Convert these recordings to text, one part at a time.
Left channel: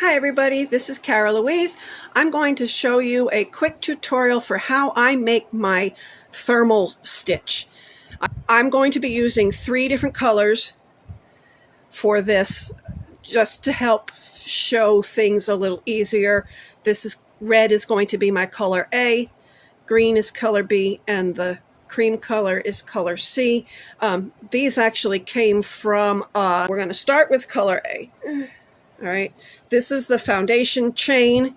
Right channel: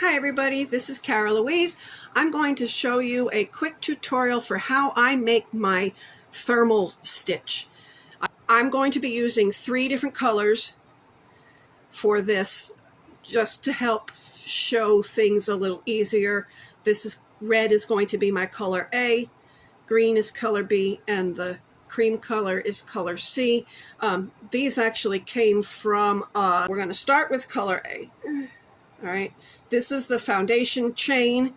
Hi everybody, this is Cara Louise. I'm going to show you a quick tutorial for how I make my thermal stitch. I'm going to be using 3 different colors for this just to help show things a little easier. Red is going to be my color A, green is color B, and the cream color is color C. These actually came from, we're going to start with color A. All right, this is the foundation chain,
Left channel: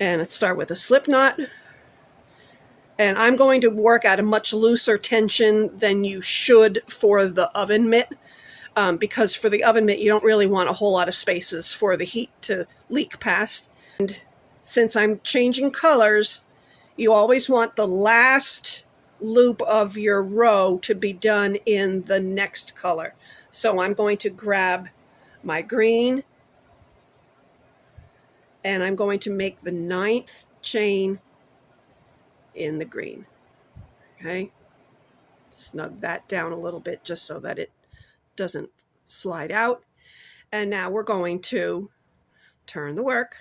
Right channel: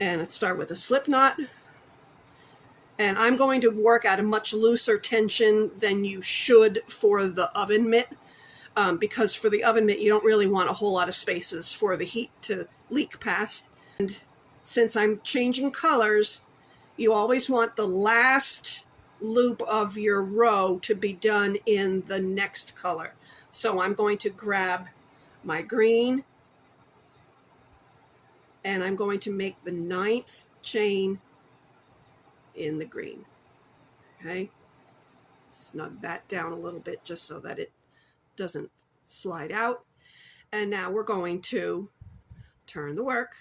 and let's start with a slip knot. And I'm going to work at a much looser tension than you should for the oven mitt, because for the oven mitt you don't really want a whole lot of spaces for the heat to leak past. And since I'm changing colors, you always want the last loop of your row to be done in the next color. So I'm going to grab my green, and I'm going to make the 9th chain in the green. Okay, snug that down a little bit just so that it doesn't slide out. And now we're going to turn the work,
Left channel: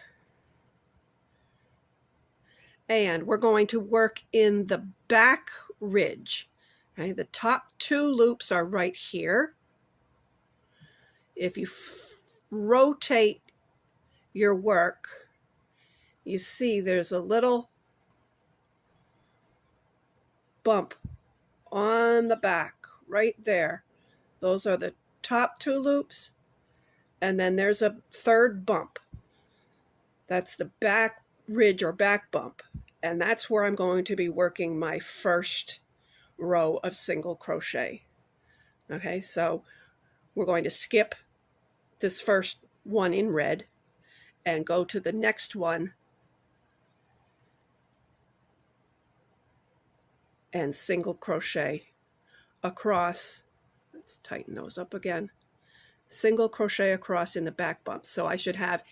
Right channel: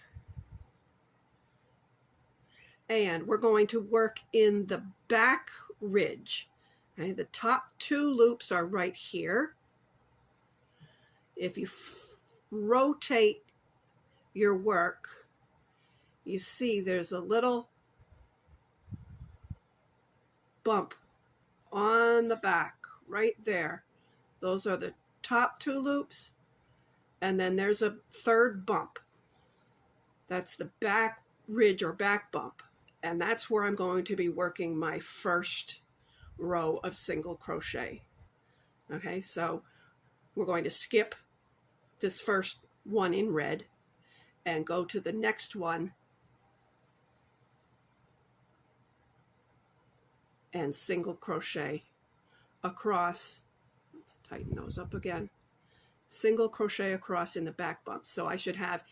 and we're going to work in the back ridge. Okay, the top 2 loops are right here. If you rotate your work, you see there's a little bump on the back right there. Those are the top 2 loops, and then there's a 3rd bump. That's the back ridge or back bump, and that's where I'm going to be working my first row of single crochet. Okay, so we're going to skip this first one in red and go to the next one and single crochet across. Let's tighten those up again. Single crochet across in the back bump. So I should have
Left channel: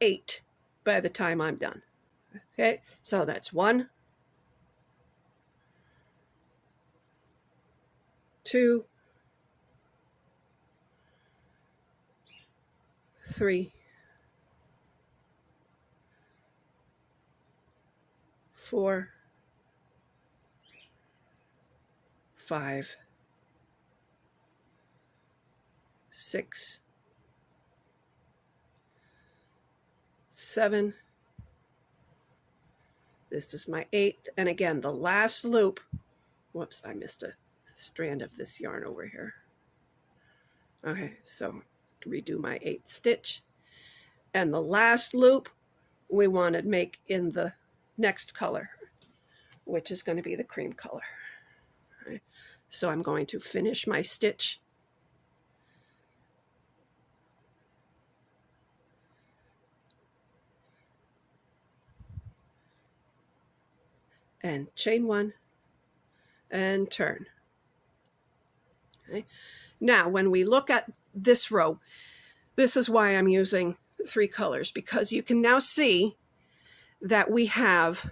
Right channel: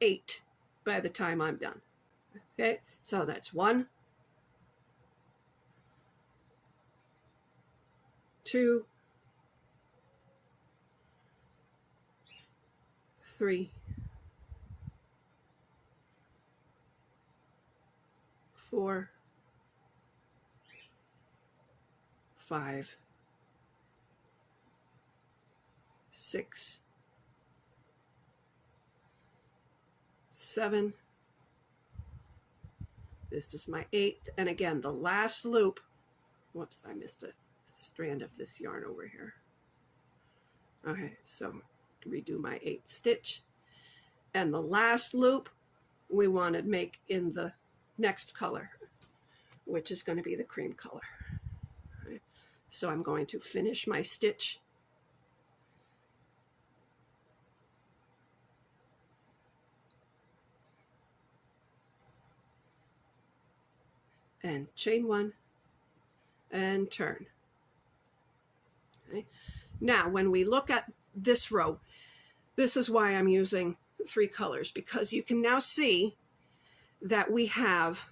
8 by the time I'm done. Okay, so that's 1, 2, 3, 4, 5, 6, 7. This is my 8th, and again the last loop. Whoops, I missed a strand of this yarn over here. Okay, so redo my 8th stitch, and the last loop we want to make in the next color, which is going to be the cream color. Right. So I'm going to finish my stitch, and chain 1 and turn. Okay. Now when we look at this row, this is why I'm using 3 colors, because you can now see that we have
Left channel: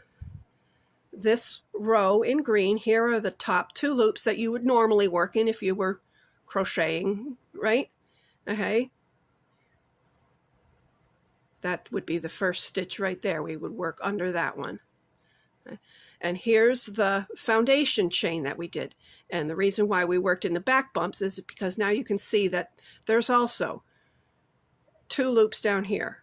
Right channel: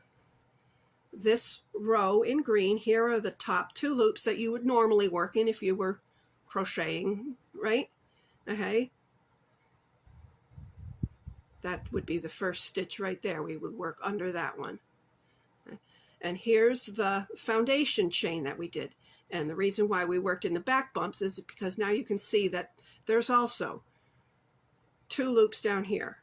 this row in green. Here are the top 2 loops that you would normally work in if you were crocheting, right? Okay, that would be the first stitch right there. We would work under that one. And here's the foundation chain that we did. And the reason why we worked in the back bumps is because now you can see that there's also 2 loops down here.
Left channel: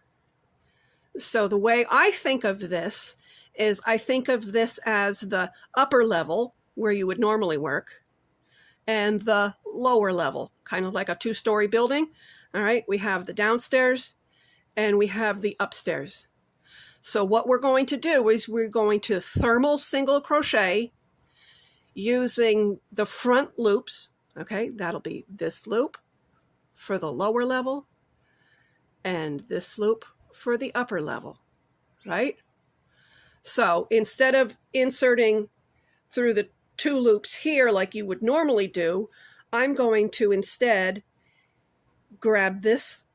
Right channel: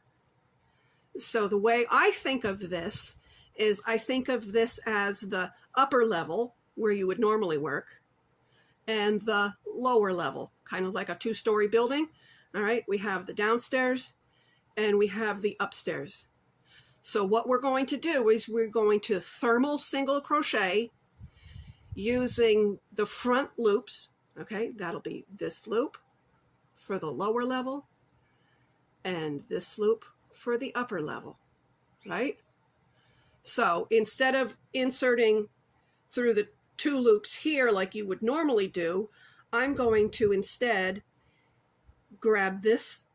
So the way I think of this is I think of this as the upper level where you would normally work, and the lower level, kind of like a 2-story building. All right, we have the downstairs and we have the upstairs. So what we're going to do is we're going to thermal single crochet using the front loops. Okay, that'll be this loop for the lower level and this loop for the upper level, right? So instead of inserting through the 2 loops here like you would normally do, I'm going to instead grab this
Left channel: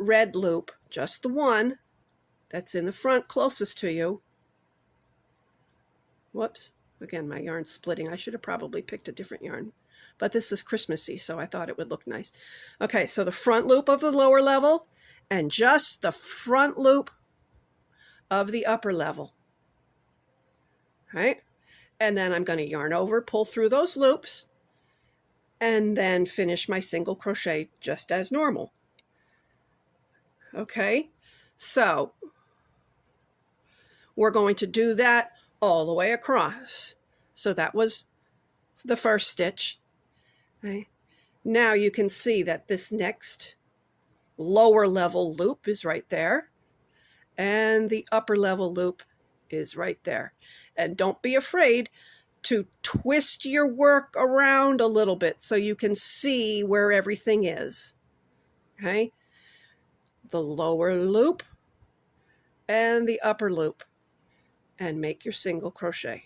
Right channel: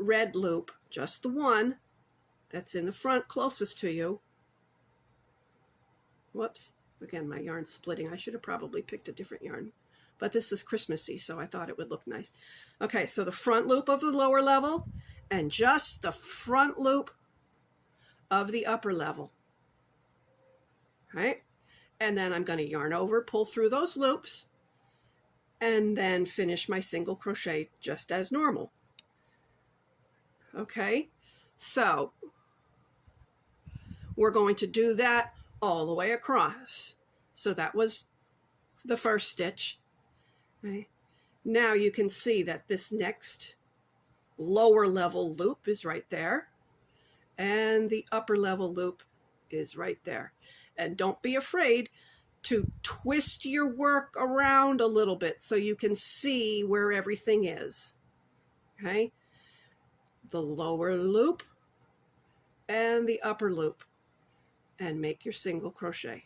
red loop, just the one that's in the front closest to you. Whoops, again my yarn's splitting. I should have probably picked a different yarn, but this is Christmassy, so I thought it would look nice. Okay, so the front loop of the lower level and just the front loop of the upper level. Right? And then I'm going to yarn over, pull through those loops, and then finish my single crochet just as normal. Okay, so we're going to do that all the way across. So that was the first stitch. Okay. Now you can see that this next lower level loop is right there, and the upper level loop is right there. And don't be afraid to twist your work around a little bit so you can see where everything is. Okay, the lower loop and the upper loop, and make your single crochet.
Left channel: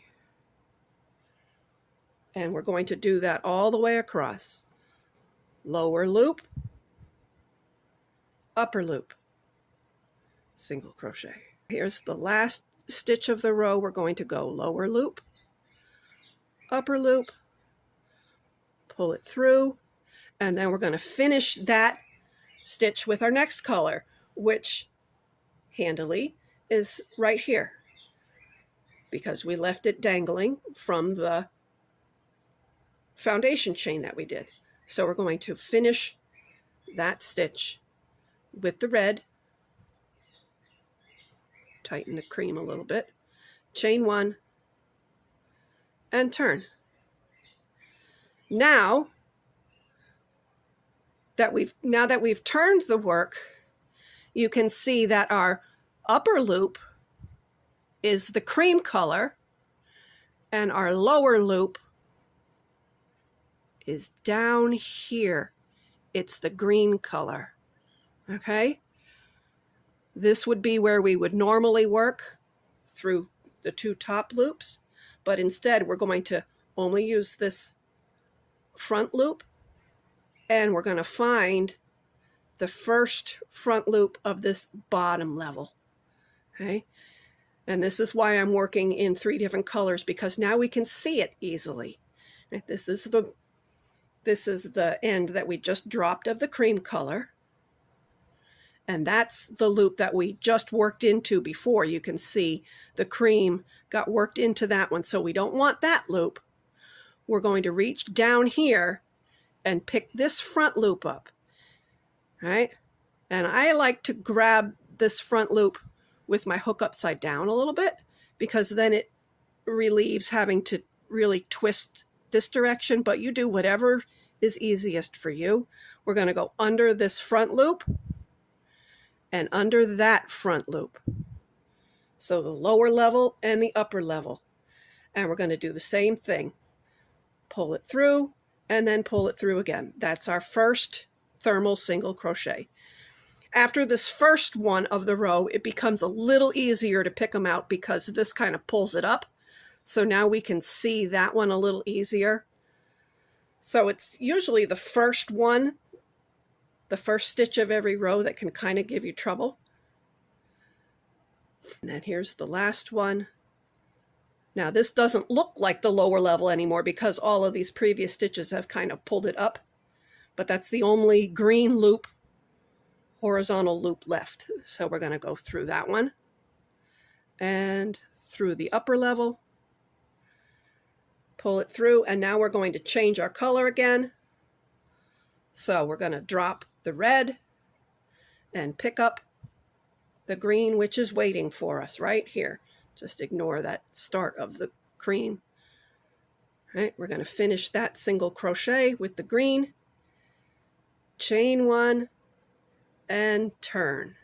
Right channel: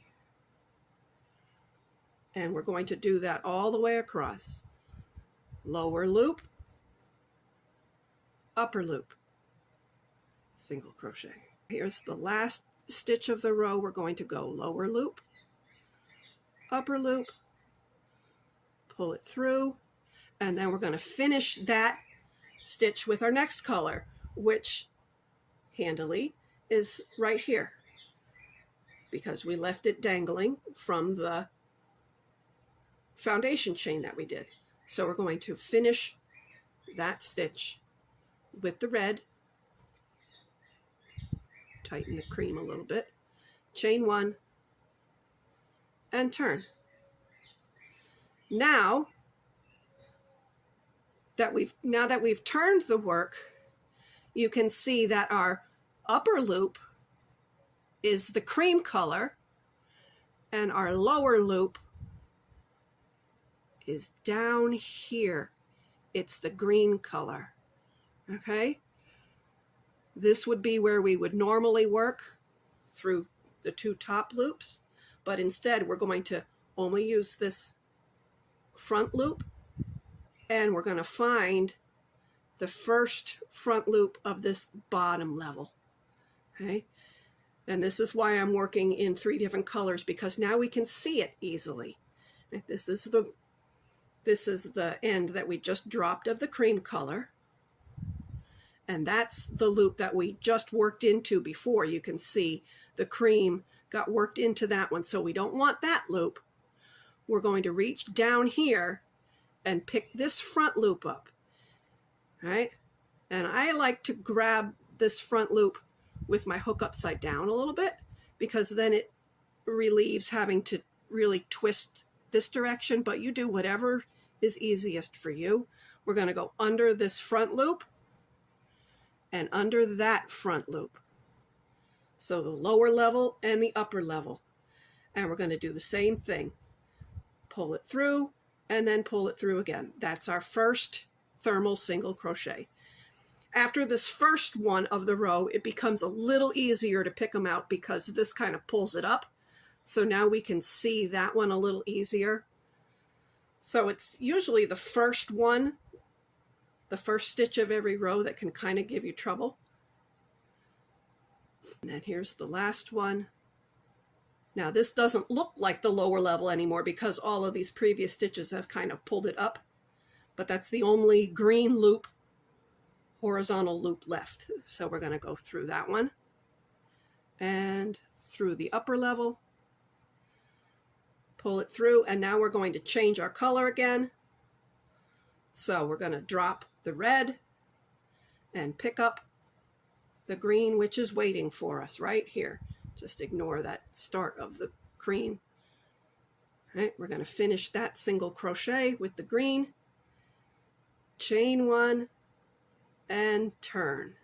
And we're going to do that all the way across. Lower loop, upper loop, single crochet. Here's the last stitch of the row. We're going to go lower loop, upper loop, pull it through, and then we're going to finish that stitch with our next color, which handily is right here, because we left it dangling from the foundation chain that we did. So we're going to finish that stitch with the red, tighten the cream a little bit, chain one, and turn. Now that we've turned the work, you can see that our upper loop is the cream color and our lower loop is down here. It's the green color. Okay? This would be where we would normally work through the two top loops, but instead we're going to only use this front loop, and we're going to find the first front loop of this bottom level. Okay? And this is why I'm working in 3 different colors, because now we can see it easily. Right? This is the end that we just dropped of the cream color. And that's the loop that we just worked into before. You can see the cream got worked into that one. So we don't want that loop. We're going to reach down here and pick this front loop up. Right? And I like to grab this front loop with my hook upside down a little bit, because then it relieves having to really twist this direction, but you do whatever is easiest for you. We're going to go under this front loop and under that front loop. So the lower level and the upper level. And we're going to do the same thing. Pull it through and then pull it through again. That's our first thermal single crochet. After this first one of the row, it becomes a little easier to pick them out because this kind of pulls it up. So now we can see that one a little easier. So it's usually the first one, the first stitch of every row, that can kind of give you trouble. And then here's the last one. Now this doesn't look like the lower level anymore because all of these previous stitches have kind of pulled it up, but that's the only green loop, horizontal loop left. So we're going to go through that one and through the upper level, pull it through, and now we're going to change our color again. So we're going to drop the red and pick up the green, which is waiting for us right here. Just ignore that start of the cream. All right, we're going to finish that single crochet with the green, chain one, and turn.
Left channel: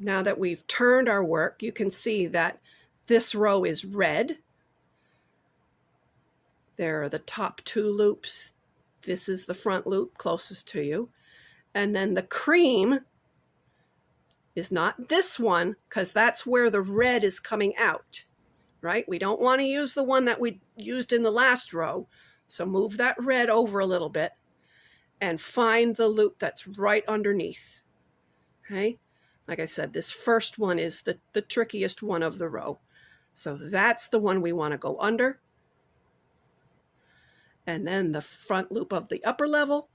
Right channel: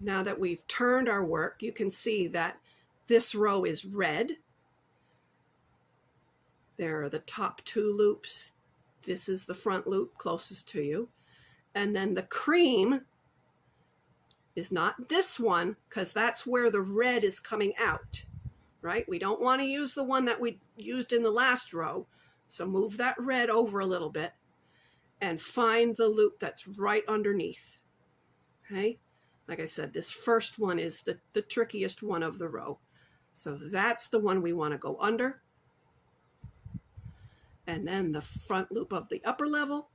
Now that we've turned our work, you can see that this row is red. There are the top 2 loops. This is the front loop closest to you. And then the cream is not this one, because that's where the red is coming out, right? We don't want to use the one that we used in the last row. So move that red over a little bit and find the loop that's right underneath. Okay? Like I said, this first one is the trickiest one of the row. So that's the one we want to go under. And then the front loop of the upper level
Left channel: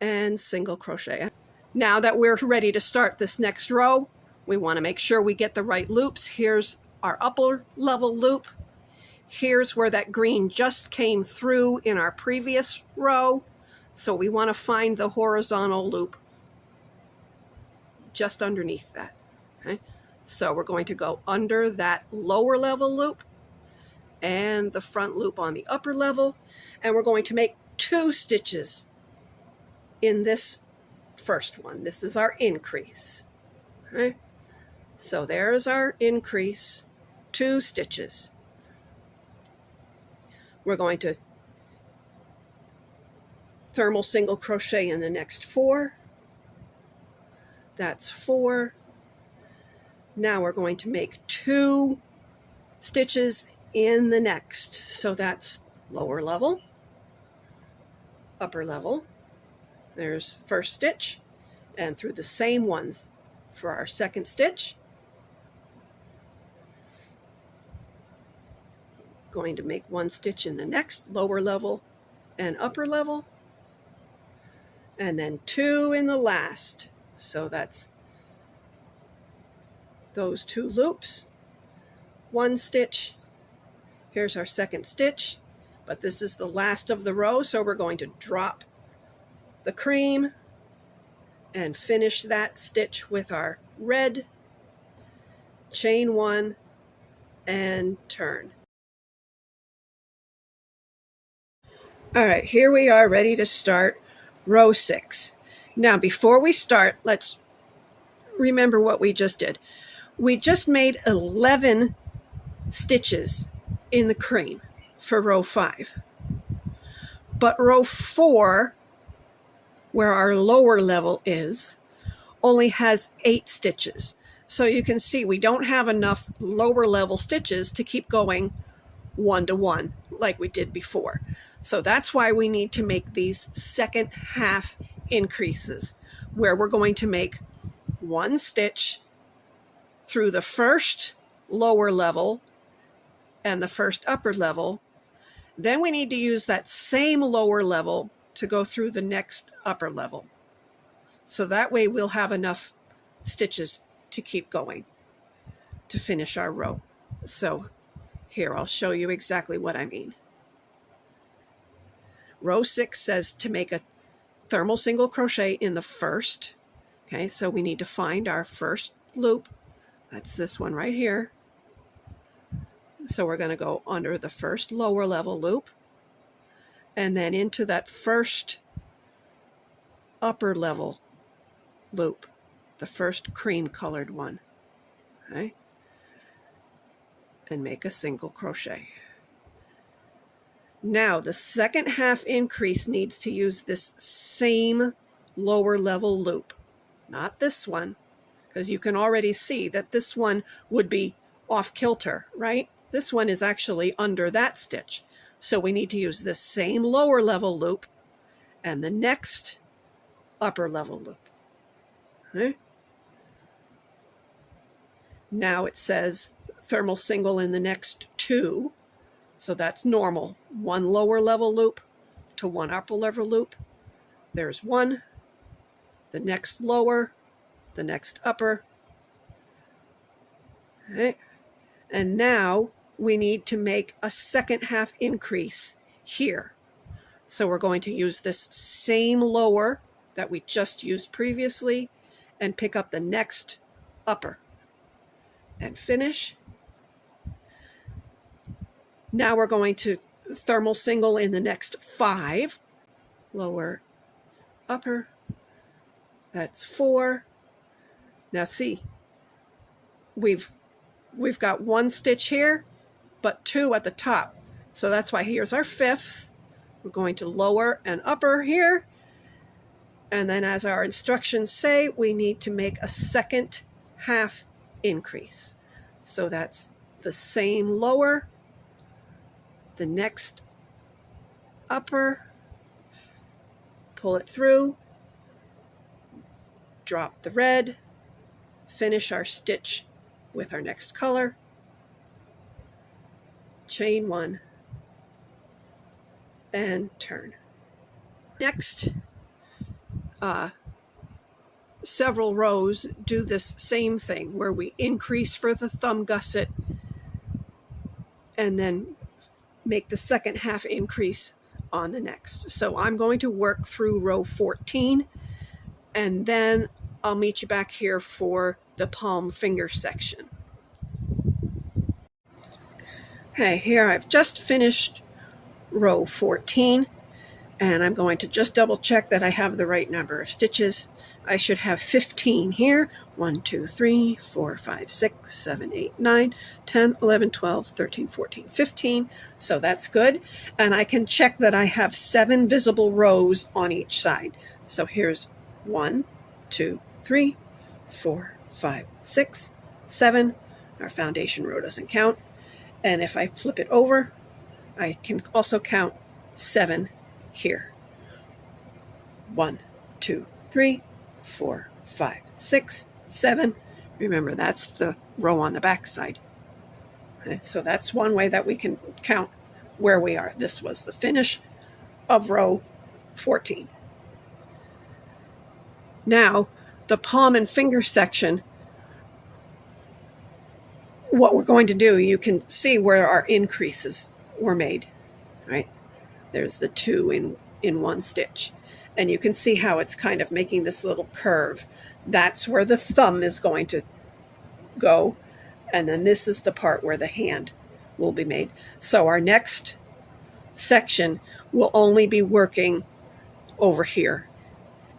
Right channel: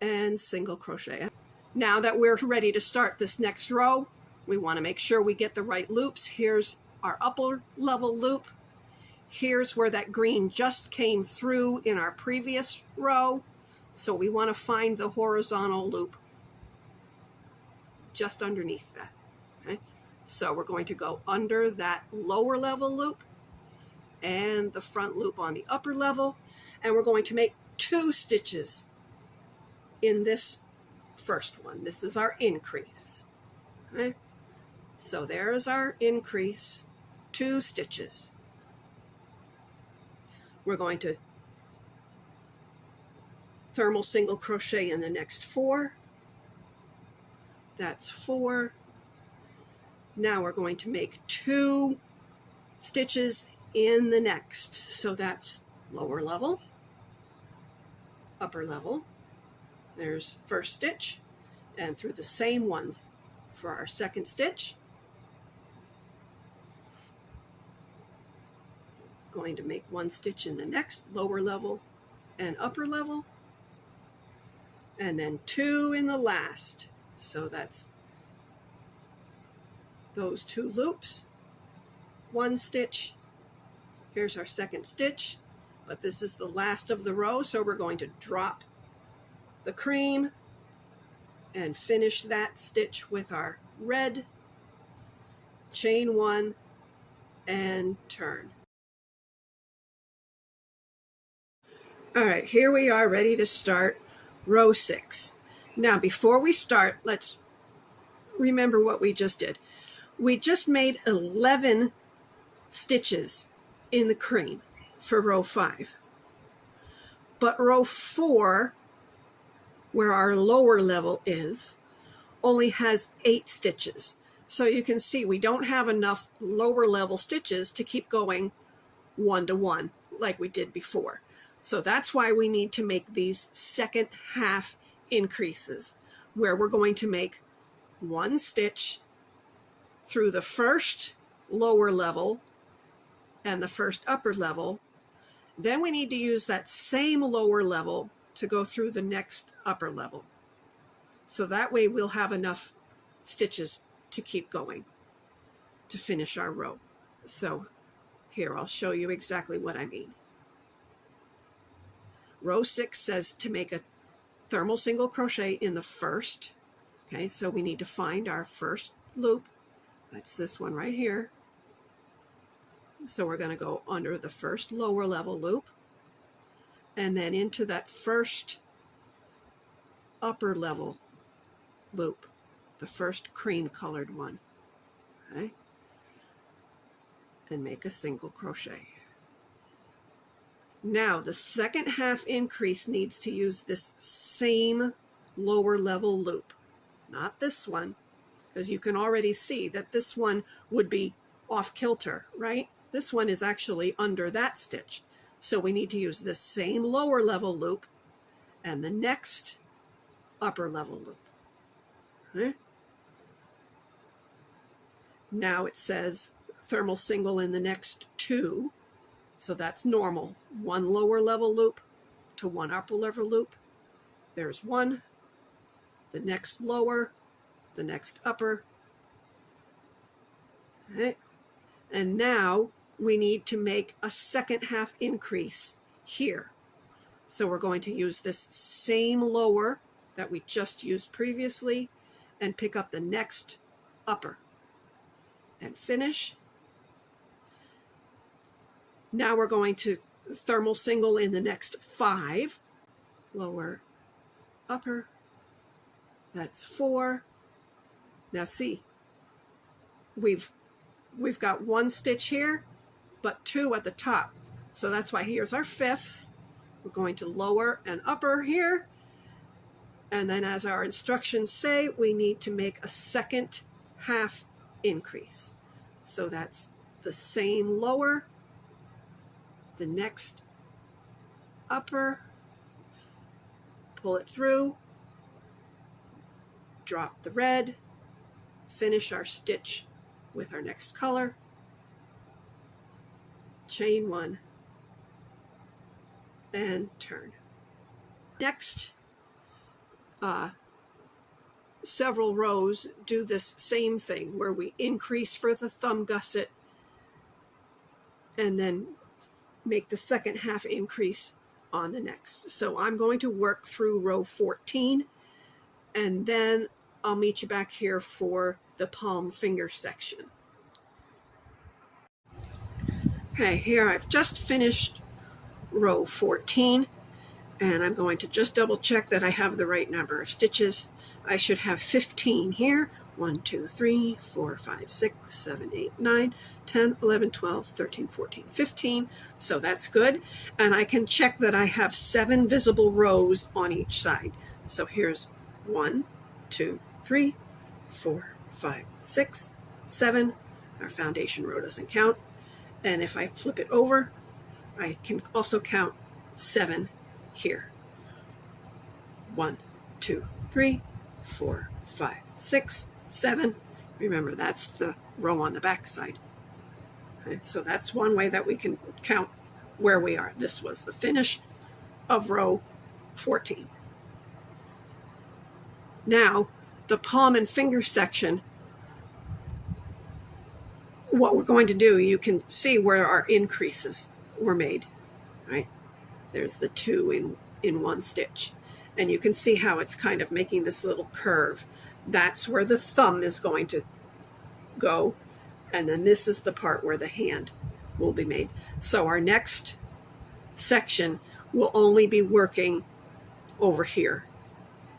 and single crochet. Now that we're ready to start this next row, we want to make sure we get the right loops. Here's our upper level loop. Here's where that green just came through in our previous row. So we want to find the horizontal loop just underneath that. Okay? So we're going to go under that lower level loop and the front loop on the upper level, and we're going to make 2 stitches in this first one. This is our increase. Okay? So there's our increase, 2 stitches. We're going to thermal single crochet in the next 4. That's 4. Now we're going to make 2 stitches in the next. So that's lower level, upper level. There's first stitch, and through the same ones for our second stitch. Going to make 1 stitch in the next, lower level and upper level, and then 2 in the last. So that's those 2 loops, 1 stitch. Here's our second stitch, but this is the last of the row, so we're going to drop the cream and finish that stitch with our red, chain 1 and turn. All right, here we are ready to start row 6. Now before we start, let's remember what we just did. We just made 11 stitches in the cream for row 5. But row 4, where our lower level is, only has 8 stitches. So you can see we don't have enough lower level stitches to keep going 1 to 1 like we did before. So that's why we need to make these second half increases, where we're going to make 1 stitch through the first lower level and the first upper level. Then we need to use that same lower level to go through the next upper level. So that way we'll have enough stitches to keep going to finish our row. So here, I'll show you exactly what I mean. Row 6 says to make a thermal single crochet in the first. Okay, so we need to find our first loop. That's this one right here. So we're going to go under the first lower level loop and then into that first upper level loop, the first cream colored one. Okay, and make a single crochet. Now the second half increase needs to use this same lower level loop, not this one, because you can already see that this one would be off kilter, right? This one is actually under that stitch. So we need to use this same lower level loop and the next upper level loop. Okay. Now it says thermal single in the next 2. So that's normal. 1 lower level loop to 1 upper level loop. There's 1, the next lower, the next upper. Okay. And now we need to make a second half increase here. So we're going to use this same lower that we just used previously and pick up the next upper and finish. Now we're going to thermal single in the next 5, lower, upper, that's 4. Now see, we've got 1 stitch here, but 2 at the top. So that's why here's our 5th. We're going to lower and upper here. And then as our instructions say, we need to make a second half increase. So that's the same lower, the next upper, pull it through, drop the red, finish our stitch with our next color, chain 1, and turn. Next, several rows do this same thing where we increase for the thumb gusset and then make the second half increase on the next. So I'm going to work through row 14 and then I'll meet you back here for the palm finger section. Okay, here I've just finished row 14 and I'm going to just double check that I have the right number of stitches. I should have 15 here. 1, 2, 3, 4, 5, 6, 7, 8, 9, 10, 11, 12, 13, 14, 15. So that's good. And I can check that I have 7 visible rows on each side. So here's 1, 2, 3, 4, 5, 6, 7. Our foundation row doesn't count. And if I flip it over, I can also count 7 here. 1, 2, 3, 4, 5, 6, 7. Remember, that's the row on the back side. Okay, so that's one way that we can count where we are. This was the finish of row 14. Now, the palm and finger section, what we're going to do, you can see where our increases were made, right? There's the 2 in one stitch. And you can see how it's kind of making this little curve. That's where the thumb is going to go. And then this is the part where the hand will be made. So our next section will only be working over here.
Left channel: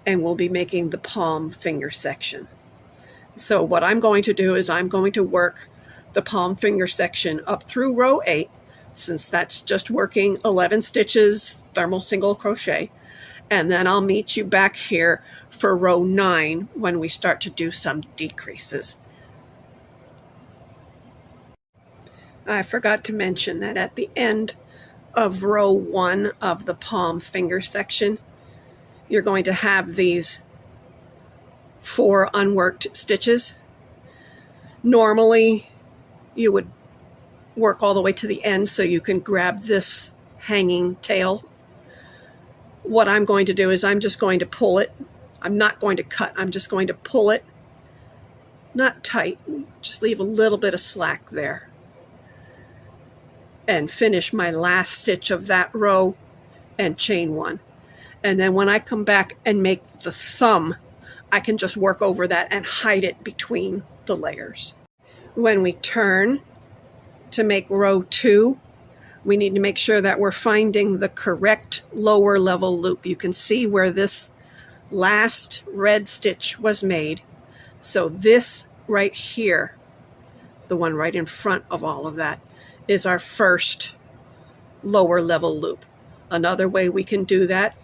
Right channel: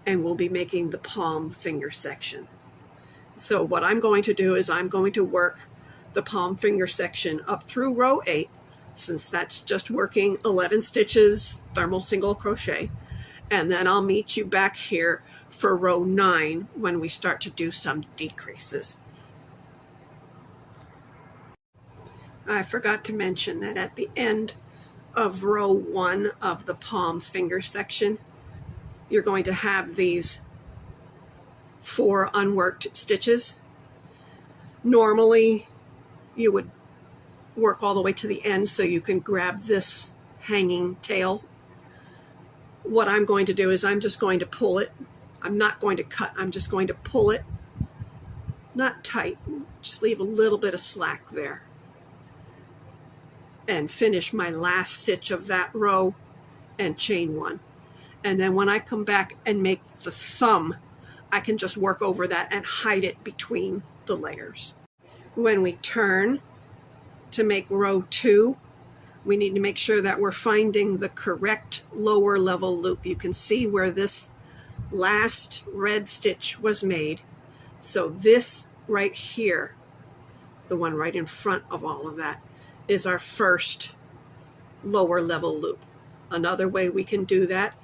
And we'll be making the palm finger section. So what I'm going to do is I'm going to work the palm finger section up through row 8, since that's just working 11 stitches, thermal single crochet. And then I'll meet you back here for row 9 when we start to do some decreases. I forgot to mention that at the end of row 1 of the palm finger section, you're going to have these 4 unworked stitches. Normally, you would work all the way to the end so you can grab this hanging tail. What I'm going to do is I'm just going to pull it. I'm not going to cut. I'm just going to pull it, not tight, just leave a little bit of slack there, and finish my last stitch of that row and chain 1. And then when I come back and make the thumb, I can just work over that and hide it between the layers. When we turn to make row 2, we need to make sure that we're finding the correct lower level loop. You can see where this last red stitch was made. So this right here, the one right in front of all of that, is our first lower level loop. Another way we can do that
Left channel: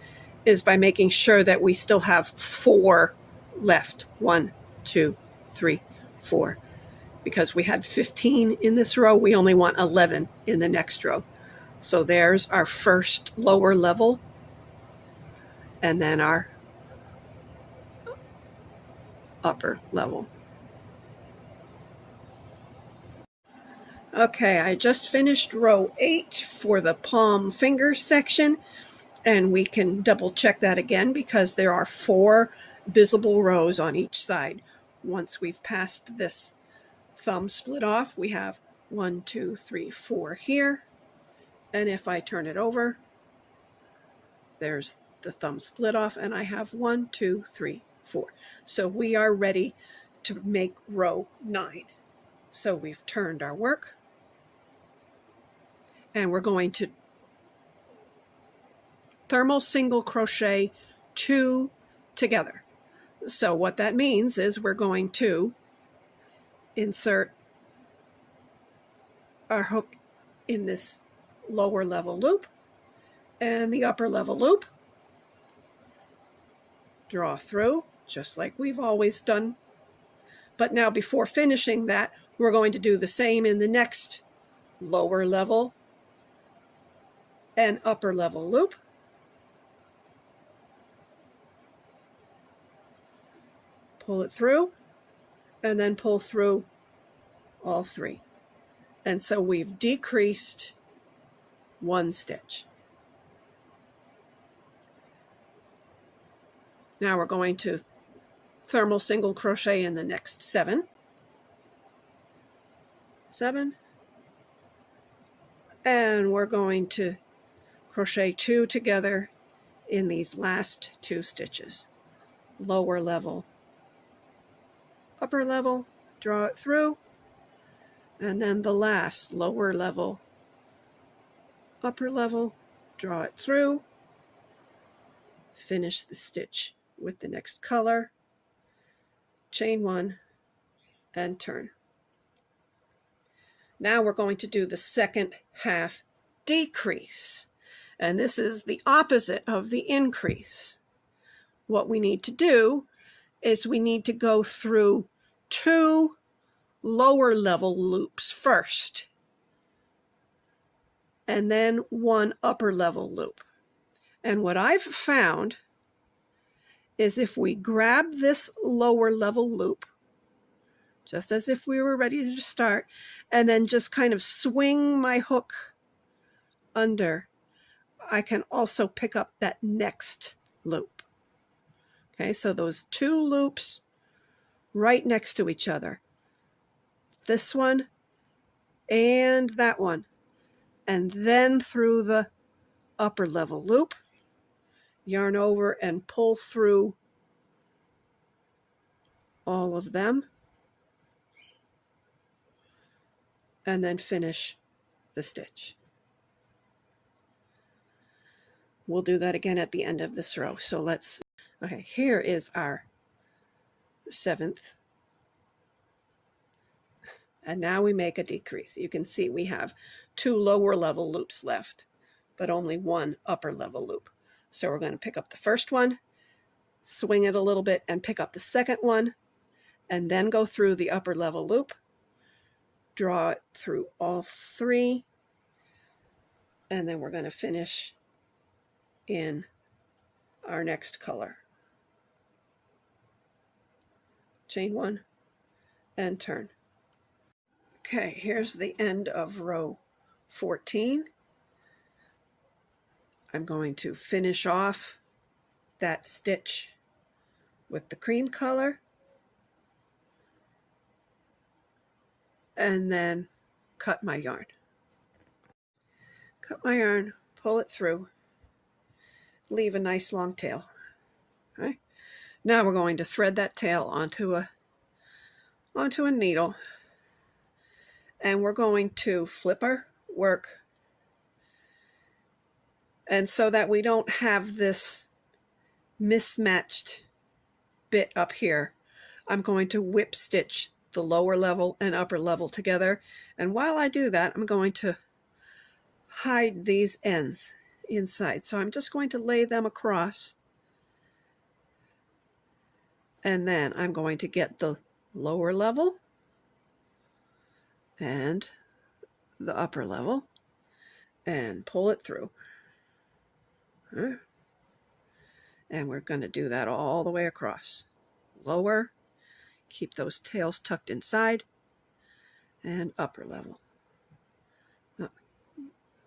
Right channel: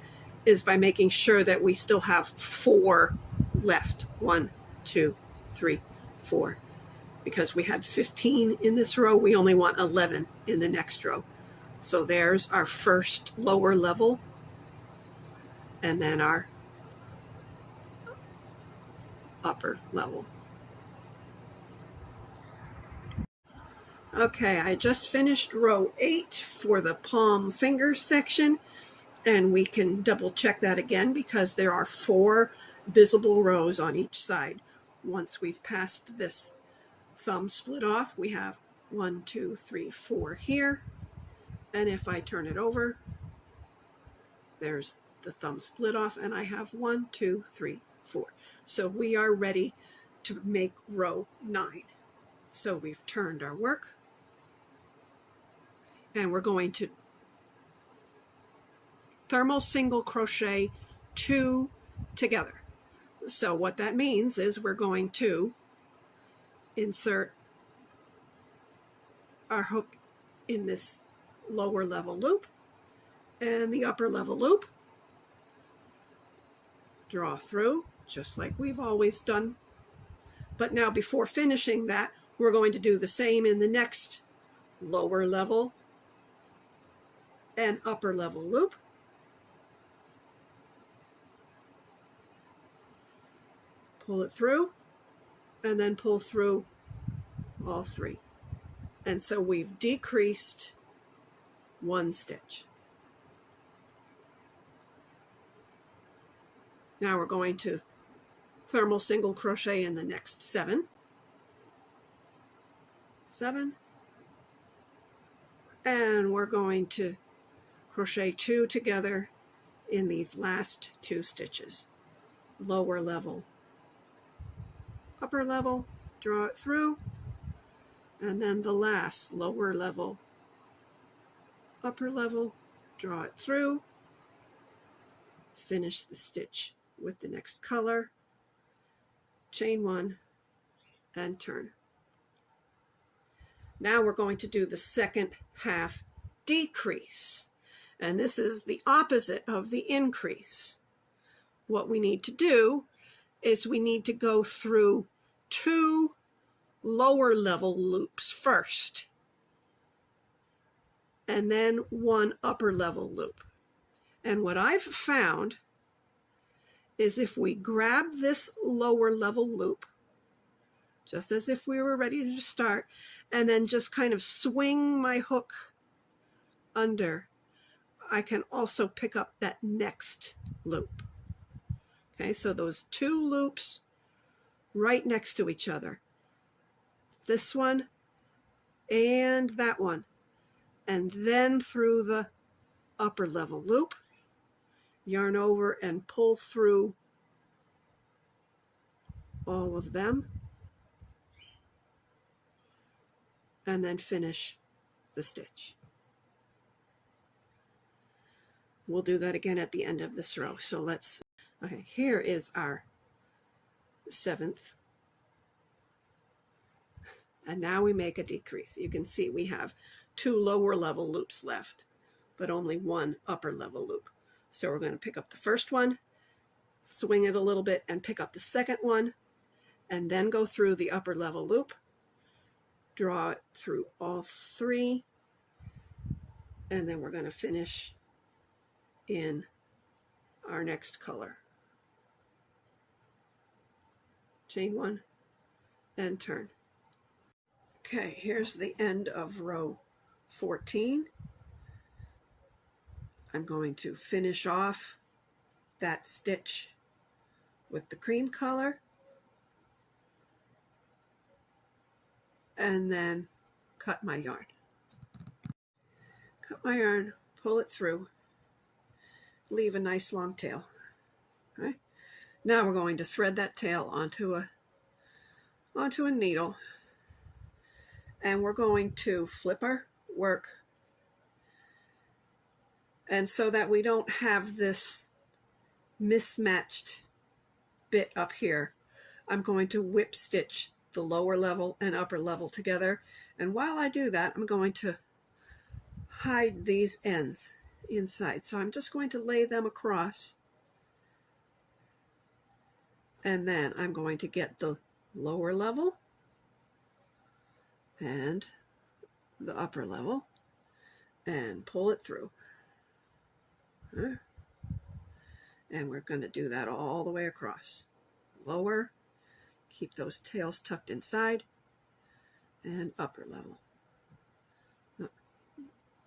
is by making sure that we still have 4 left. 1, 2, 3, 4. Because we had 15 in this row, we only want 11 in the next row. So there's our first lower level, and then our upper level. Okay, I just finished row 8 for the palm finger section, and we can double check that again because there are 4 visible rows on each side. Once we've passed this thumb split off, we have 1, 2, 3, 4 here. And if I turn it over, there's the thumb split off, and I have 1, 2, 3, 4. So we are ready to make row 9. So we've turned our work, and we're going to thermal single crochet 2 together. So what that means is we're going to insert our hook in this lower level loop and the upper level loop, draw through just like we've always done. But now before finishing that, we're going to do the same in the next lower level and upper level loop. Pull it through and then pull through all 3. And so we've decreased 1 stitch. Now we're going to thermal single crochet in the next 7, and we're going to crochet 2 together in these last 2 stitches. Lower level, upper level, draw it through, and then the last lower level, upper level, draw it through, finish the stitch with the next color, chain 1 and turn. Now we're going to do the second half decrease, and this is the opposite of the increase. What we need to do is we need to go through 2 lower level loops first, and then 1 upper level loop. And what I've found is if we grab this lower level loop, just as if we were ready to start, and then just kind of swing my hook under, I can also pick up that next loop. Okay, so those 2 loops right next to each other. This one and that one. And then through the upper level loop, yarn over and pull through all of them, and then finish the stitch. We'll do that again at the end of this row. So let's, okay, here is our 7th. And now we make a decrease. You can see we have 2 lower level loops left, but only 1 upper level loop. So we're going to pick up the first one, swing it a little bit, and pick up the second one, and then go through the upper level loop, draw it through all 3, and then we're going to finish in our next color. Chain 1 and turn. Okay, here's the end of row 14. I'm going to finish off that stitch with the cream color, and then cut my yarn. Cut my yarn, pull it through, leave a nice long tail. Okay. Now we're going to thread that tail onto a needle, and we're going to flip our work, and so that we don't have this mismatched bit up here, I'm going to whip stitch the lower level and upper level together, and while I do that, I'm going to hide these ends inside. So I'm just going to lay them across, and then I'm going to get the lower level and the upper level and pull it through. And we're going to do that all the way across. Lower, keep those tails tucked inside, and upper level.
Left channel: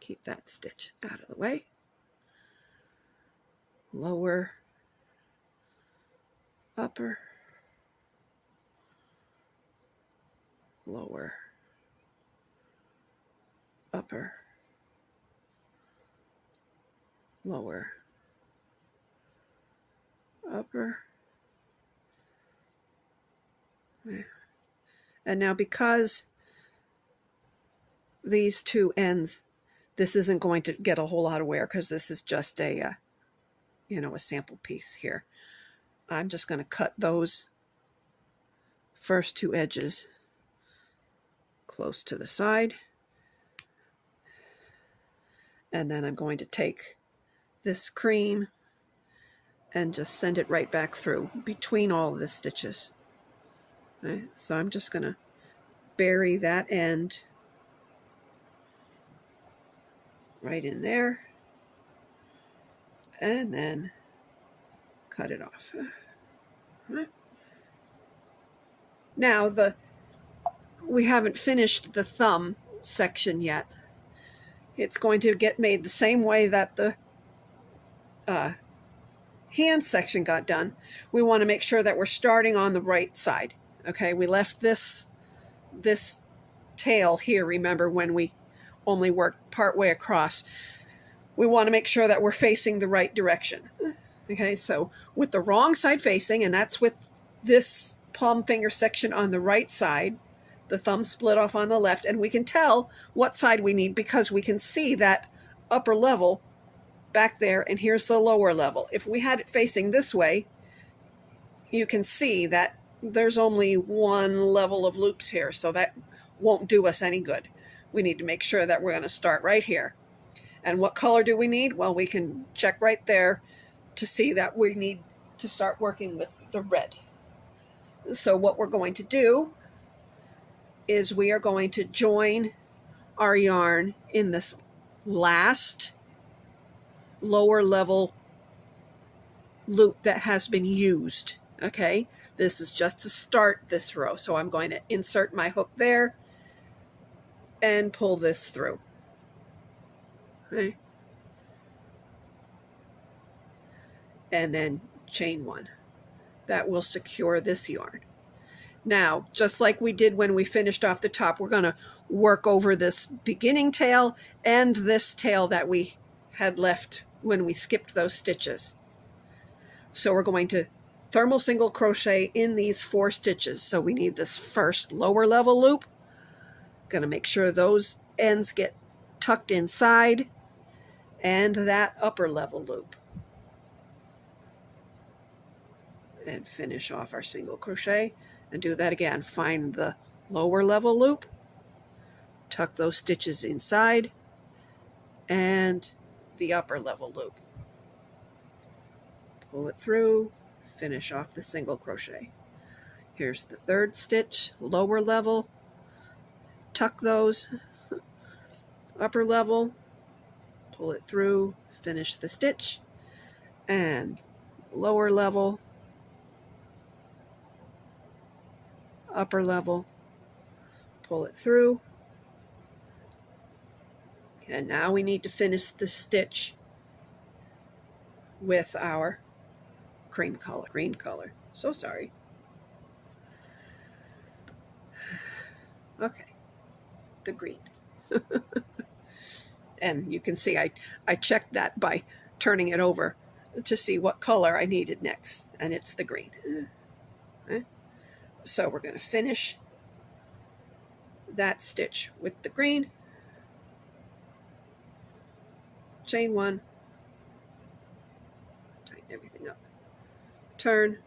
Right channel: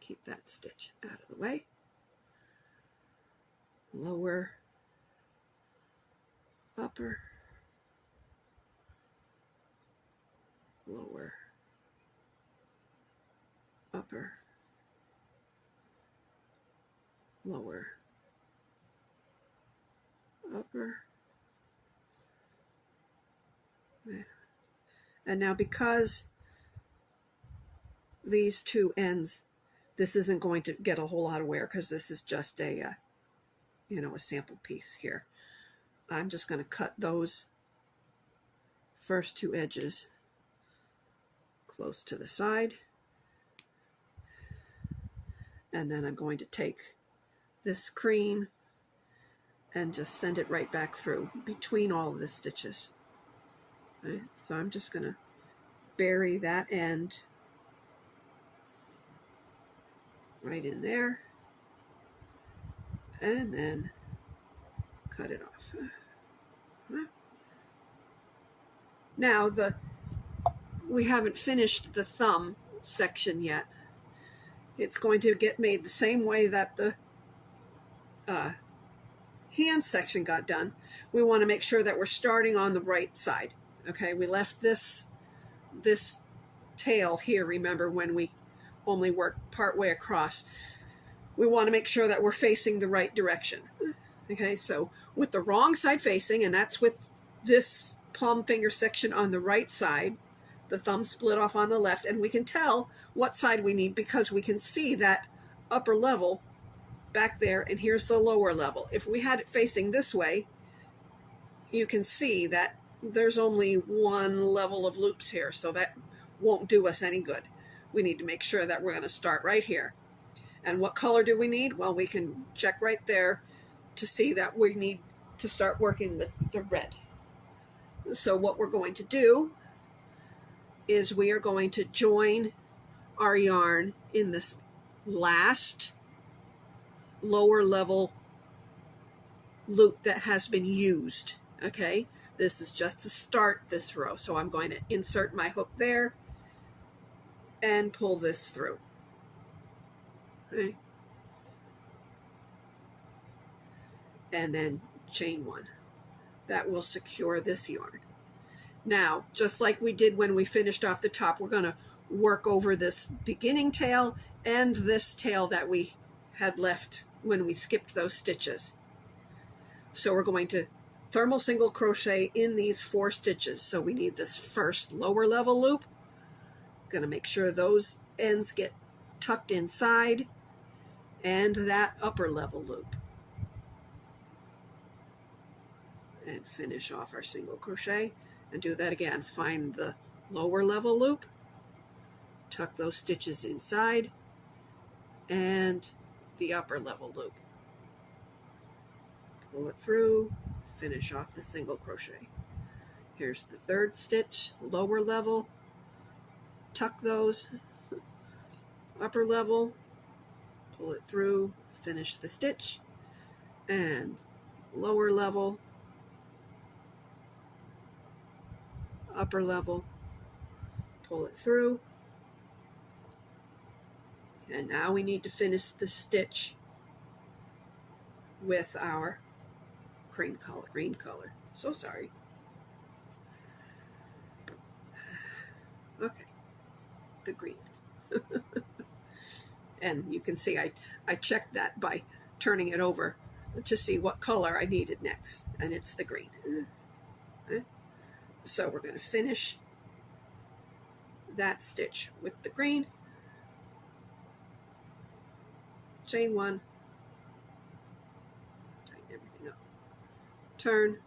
Keep that stitch out of the way. Lower, upper, lower, upper, lower, upper. And now, because these 2 ends, this isn't going to get a whole lot of wear because this is just a, a sample piece here. I'm just going to cut those first 2 edges close to the side. And then I'm going to take this cream and just send it right back through between all of the stitches. Okay, so I'm just going to bury that end right in there, and then cut it off. Now we haven't finished the thumb section yet. It's going to get made the same way that the hand section got done, we want to make sure that we're starting on the right side. Okay, we left this tail here, remember, when we only worked part way across. We want to make sure that we're facing the right direction. Okay, so with the wrong side facing, and that's with this palm finger section on the right side, the thumb split off on the left, and we can tell what side we need because we can see that upper level back there, and here's the lower level. If we had it facing this way, you can see that there's only one level of loops here, so that won't do us any good. We need to make sure that we're going to start right here. And what color do we need? Well, we can check right there to see that we need to start working with the red. So what we're going to do is we are going to join our yarn in this last lower level loop that has been used. Okay, this is just to start this row. So I'm going to insert my hook there and pull this through. Okay. And then chain one. That will secure this yarn. Now, just like we did when we finished off the top, we're going to work over this beginning tail and this tail that we had left when we skipped those stitches. So we're going to thermal single crochet in these 4 stitches. So we need this first lower level loop. Going to make sure those ends get tucked inside, and that upper level loop. And finish off our single crochet and do that again. Find the lower level loop, tuck those stitches inside, and the upper level loop. Pull it through, finish off the single crochet. Here's the 3rd stitch, lower level, tuck those, upper level, pull it through, finish the stitch, and lower level, upper level, pull it through, and now we need to finish the stitch with our green color. So sorry. Okay, the green. And you can see I checked that by turning it over to see what color I needed next, and it's the green. Okay. So we're going to finish that stitch with the green, chain one, tighten everything up, turn,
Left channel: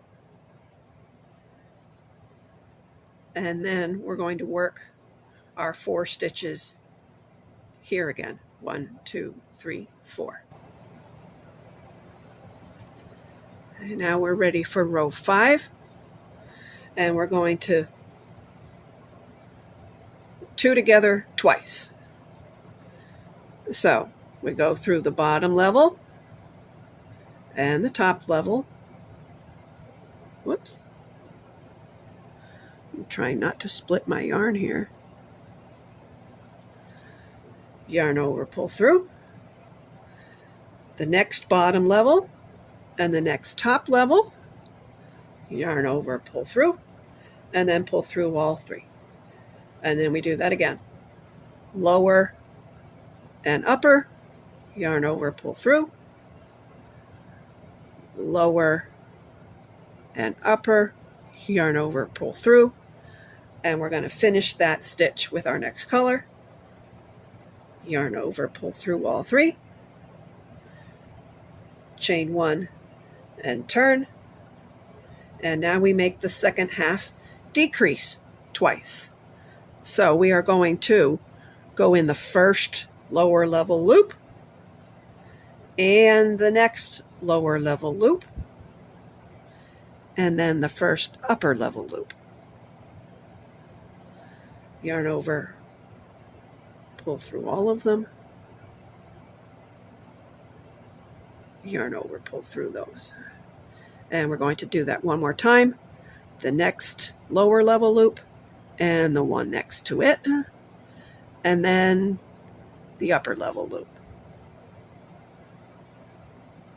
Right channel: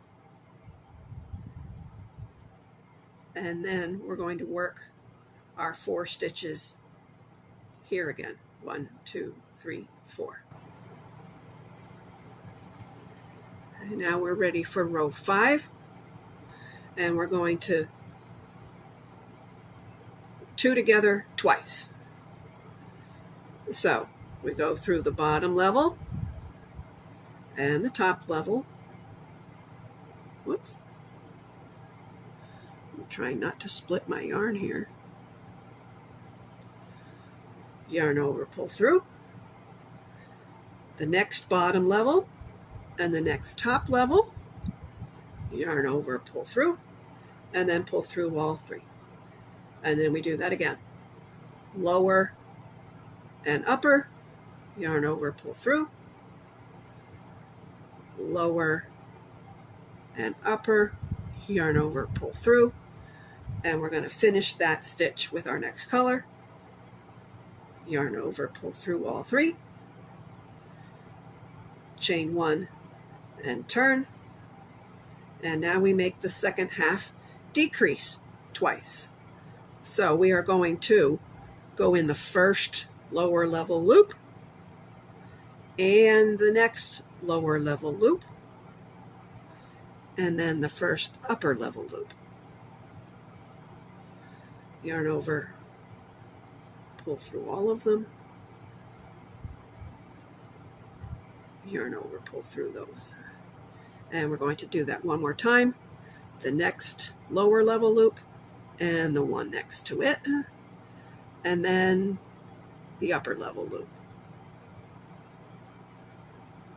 and then we're going to work our 4 stitches here again. 1, 2, 3, 4. And now we're ready for row 5, and we're going to 2 together twice. So we go through the bottom level and the top level. Whoops. I'm trying not to split my yarn here. Yarn over, pull through. The next bottom level and the next top level. Yarn over, pull through, and then pull through all 3. And then we do that again. Lower and upper, yarn over, pull through, lower and upper, yarn over, pull through, and we're going to finish that stitch with our next color. Yarn over, pull through all 3, chain 1 and turn, and now we make the second half decrease twice. So we are going to go in the first lower level loop and the next lower level loop, and then the first upper level loop. Yarn over, pull through all of them, yarn over, pull through those. And we're going to do that one more time. The next lower level loop and the one next to it, and then the upper level loop.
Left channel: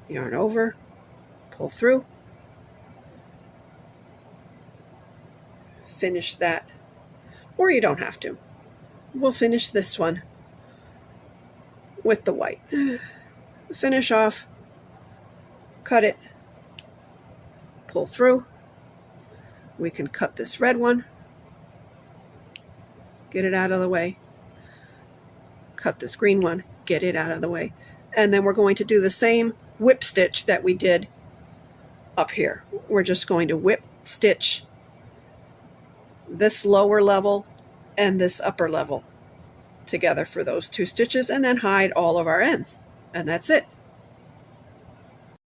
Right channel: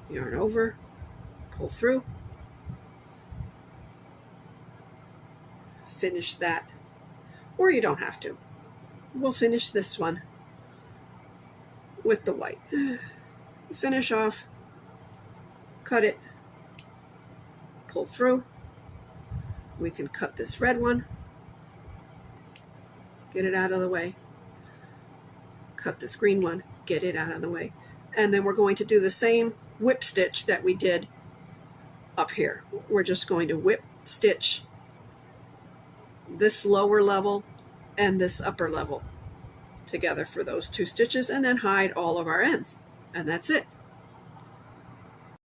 Yarn over, pull through, finish that, or you don't have to. We'll finish this one with the white. Finish off, cut it, pull through. We can cut this red one, get it out of the way, cut this green one, get it out of the way. And then we're going to do the same whip stitch that we did up here. We're just going to whip stitch this lower level and this upper level together for those 2 stitches, and then hide all of our ends. And that's it.